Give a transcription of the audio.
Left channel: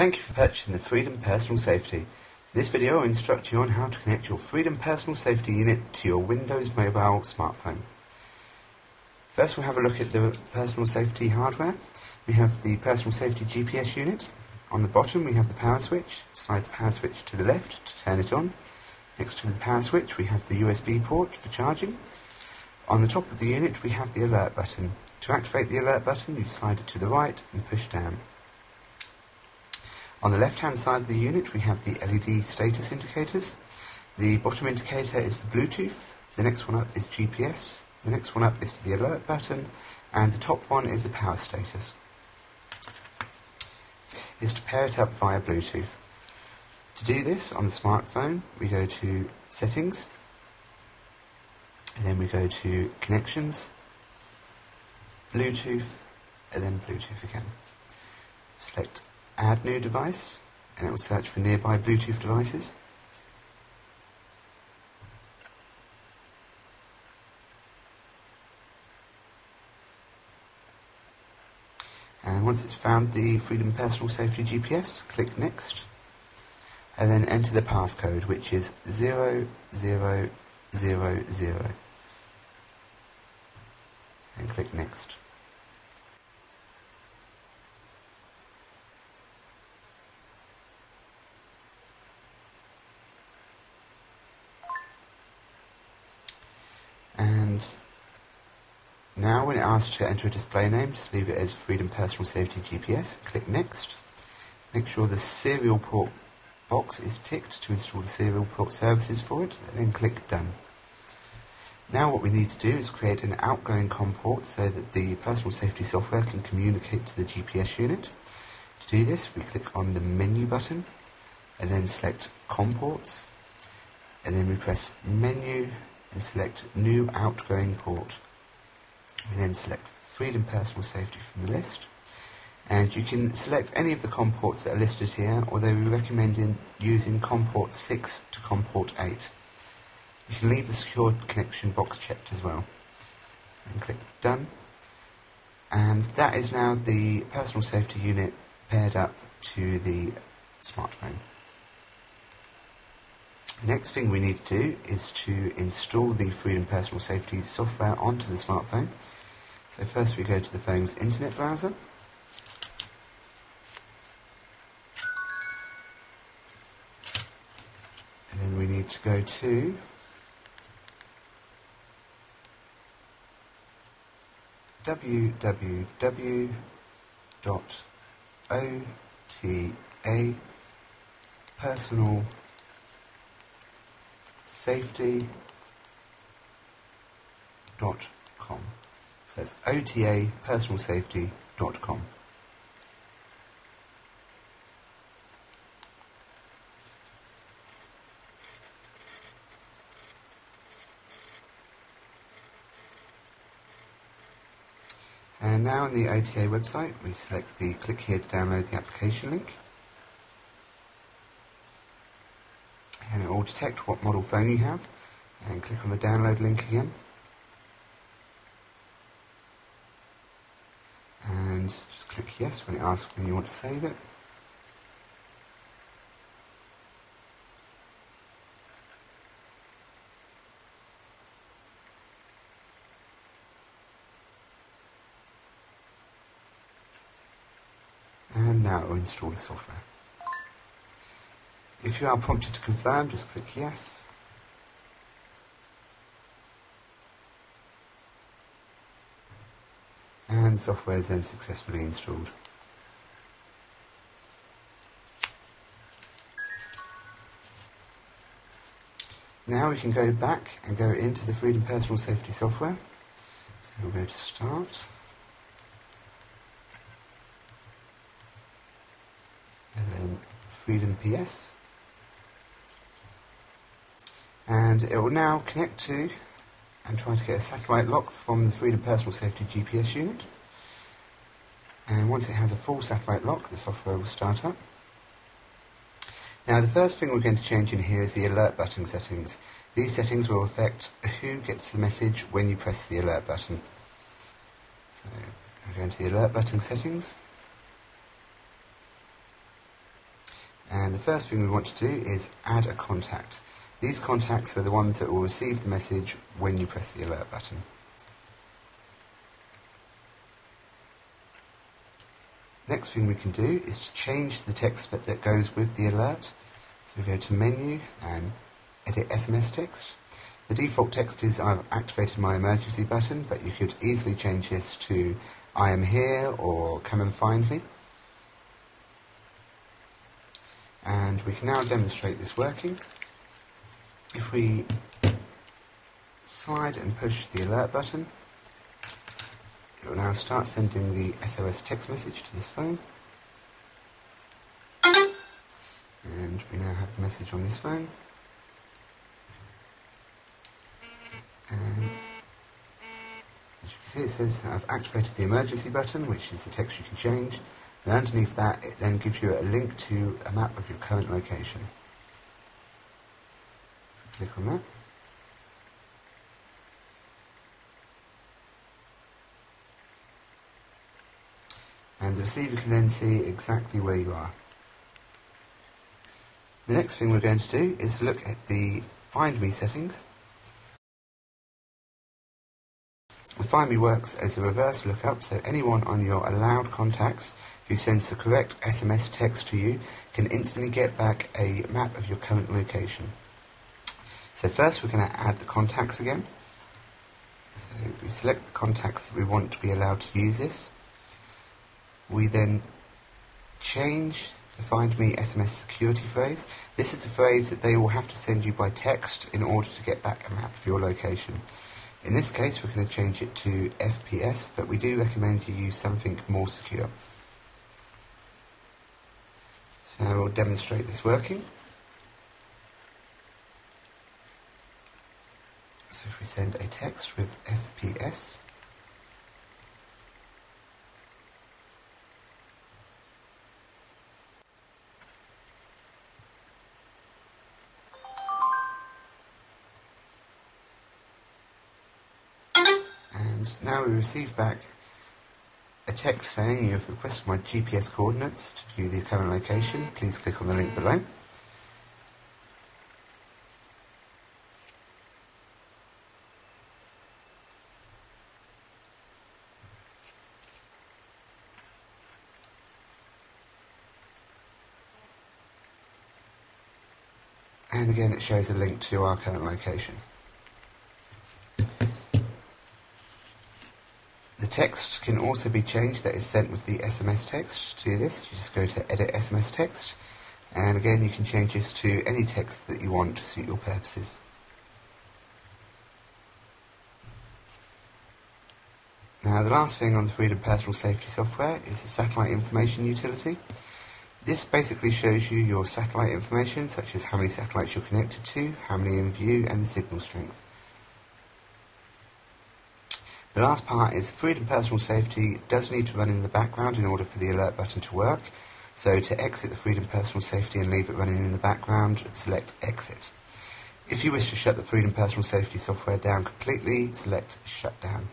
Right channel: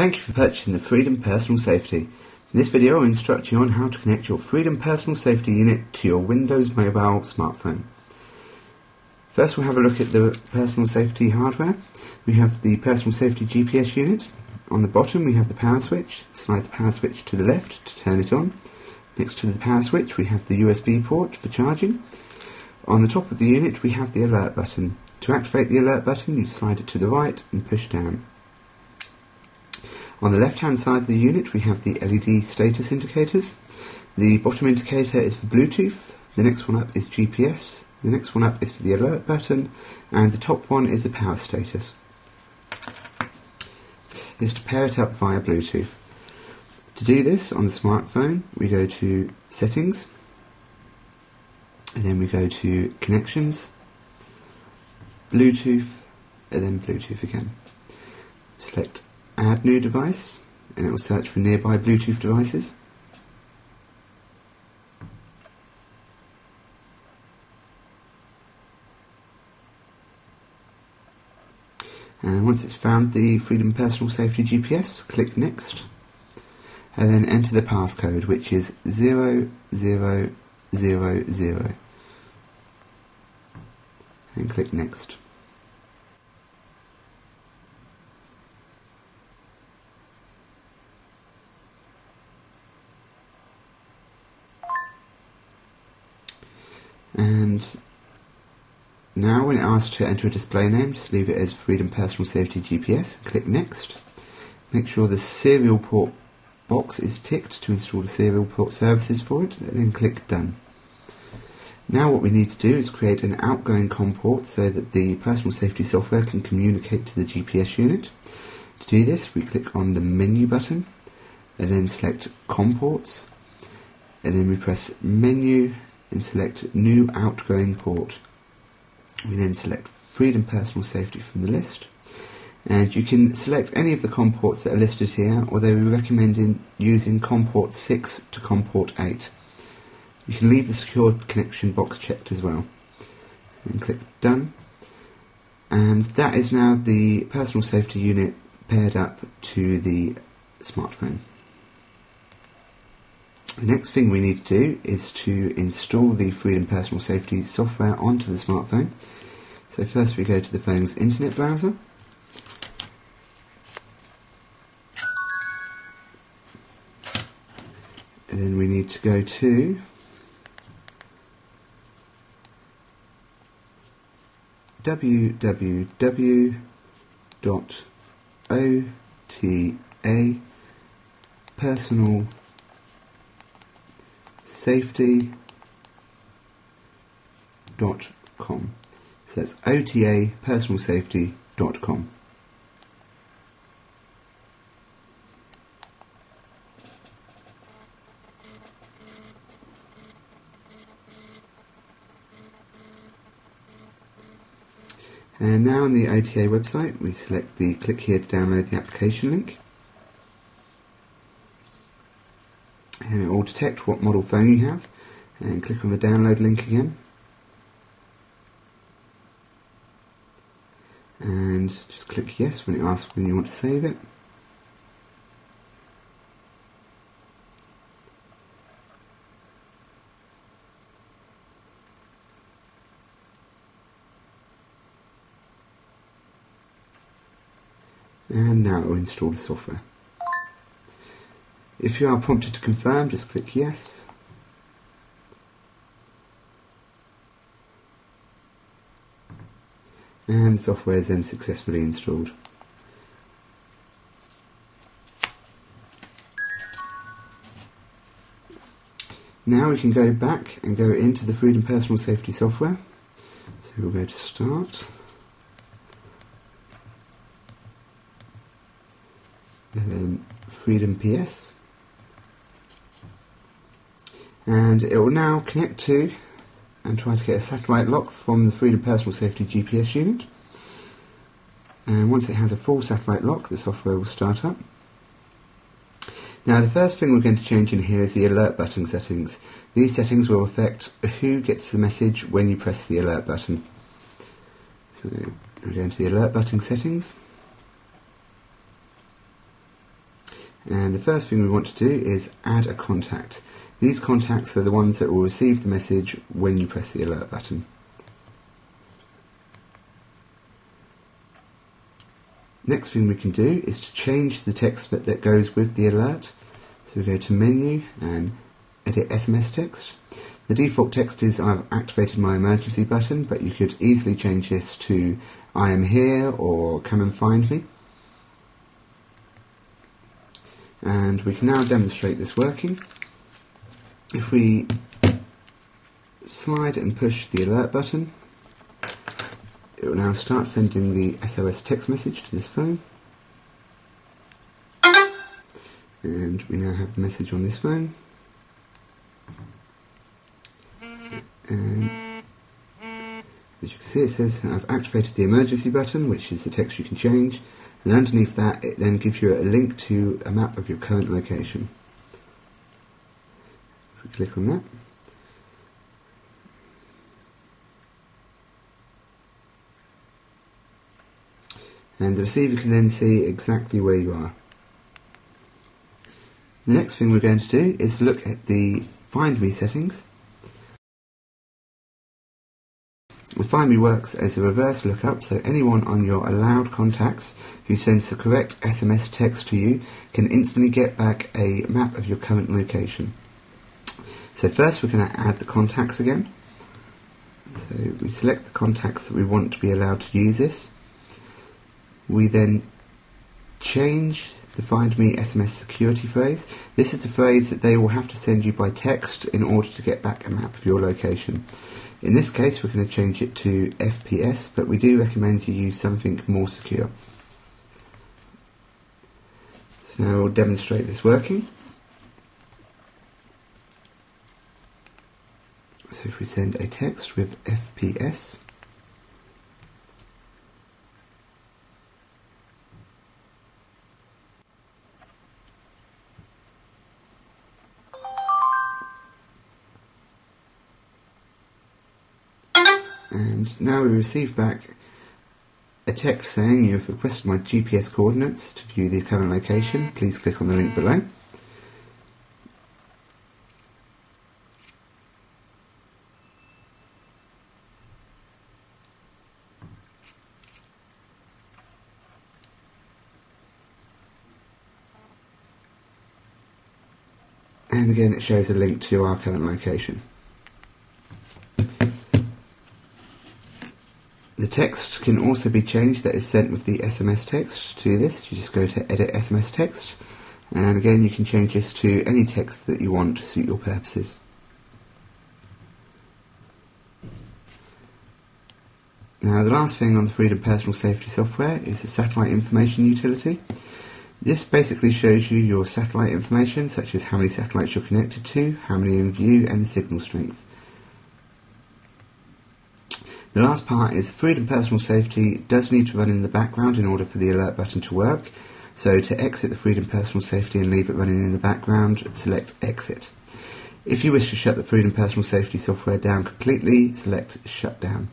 Thank you for purchasing the Freedom Personal Safety. In this video I'll instruct you on how to connect your Freedom Personal Safety unit to your Windows mobile smartphone. First we'll have a look at the personal safety hardware. We have the personal safety GPS unit. On the bottom we have the power switch. Slide the power switch to the left to turn it on. Next to the power switch we have the USB port for charging. On the top of the unit we have the alert button. To activate the alert button you slide it to the right and push down. On the left hand side of the unit we have the LED status indicators. The bottom indicator is for Bluetooth, the next one up is GPS, the next one up is for the alert button, and the top one is the power status. Is to pair it up via Bluetooth. To do this on the smartphone we go to Settings, and then we go to Connections, Bluetooth, and then Bluetooth again. Select Add New Device, and it will search for nearby Bluetooth devices. And once it's found the Freedom Personal Safety GPS, click Next, and then enter the passcode, which is 0000. And click Next. And now when it asks to enter a display name, just leave it as Freedom Personal Safety GPS, click Next. Make sure the serial port box is ticked to install the serial port services for it, and then click Done. Now what we need to do is create an outgoing COM port so that the personal safety software can communicate to the GPS unit. To do this we click on the menu button and then select COM ports, and then we press Menu and select New Outgoing Port. We then select Freedom Personal Safety from the list, and you can select any of the COM ports that are listed here, although we recommend using COM port 6 to COM port 8. You can leave the secure connection box checked as well. And click Done, and that is now the personal safety unit paired up to the smartphone. The next thing we need to do is to install the Freedom Personal Safety software onto the smartphone. So first we go to the phone's internet browser. And then we need to go to otapersonalsafety.com. So that's otapersonalsafety.com. And now on the OTA website we select the click here to download the application link, and it will detect what model phone you have, and click on the download link again, and just click yes when it asks when you want to save it. And now it will install the software. If you are prompted to confirm, just click yes. And the software is then successfully installed. Now we can go back and go into the Freedom Personal Safety software. So we'll go to Start. And then Freedom PS, and it will now connect to and try to get a satellite lock from the Freedom Personal Safety GPS unit, and once it has a full satellite lock the software will start up. Now the first thing we're going to change in here is the alert button settings. These settings will affect who gets the message when you press the alert button. So we're going to the alert button settings. And the first thing we want to do is add a contact. These contacts are the ones that will receive the message when you press the alert button. Next thing we can do is to change the text that goes with the alert. So we go to Menu and Edit SMS Text. The default text is I've activated my emergency button, but you could easily change this to I am here or come and find me. And we can now demonstrate this working. If we slide and push the alert button, it will now start sending the SOS text message to this phone. And we now have the message on this phone. And as you can see, it says I've activated the emergency button, which is the text you can change, and underneath that it then gives you a link to a map of your current location. If we click on that, and the receiver can then see exactly where you are. The next thing we're going to do is look at the Find Me settings. The Find Me works as a reverse lookup, so anyone on your allowed contacts who sends the correct SMS text to you can instantly get back a map of your current location. So first we're going to add the contacts again. So we select the contacts that we want to be allowed to use this. We then change the Find Me SMS security phrase. This is the phrase that they will have to send you by text in order to get back a map of your location. In this case we're going to change it to FPS, but we do recommend you use something more secure. So now we'll demonstrate this working. So if we send a text with FPS, and now we receive back a text saying you have requested my GPS coordinates to view the current location. Please click on the link below. And again it shows a link to our current location. The text can also be changed that is sent with the SMS text. To this, you just go to Edit SMS Text, and again you can change this to any text that you want to suit your purposes. Now the last thing on the Freedom Personal Safety software is the Satellite Information utility. This basically shows you your satellite information, such as how many satellites you're connected to, how many in view, and the signal strength. The last part is Freedom Personal Safety does need to run in the background in order for the alert button to work. So to exit the Freedom Personal Safety and leave it running in the background, select Exit. If you wish to shut the Freedom Personal Safety software down completely, select Shut Down.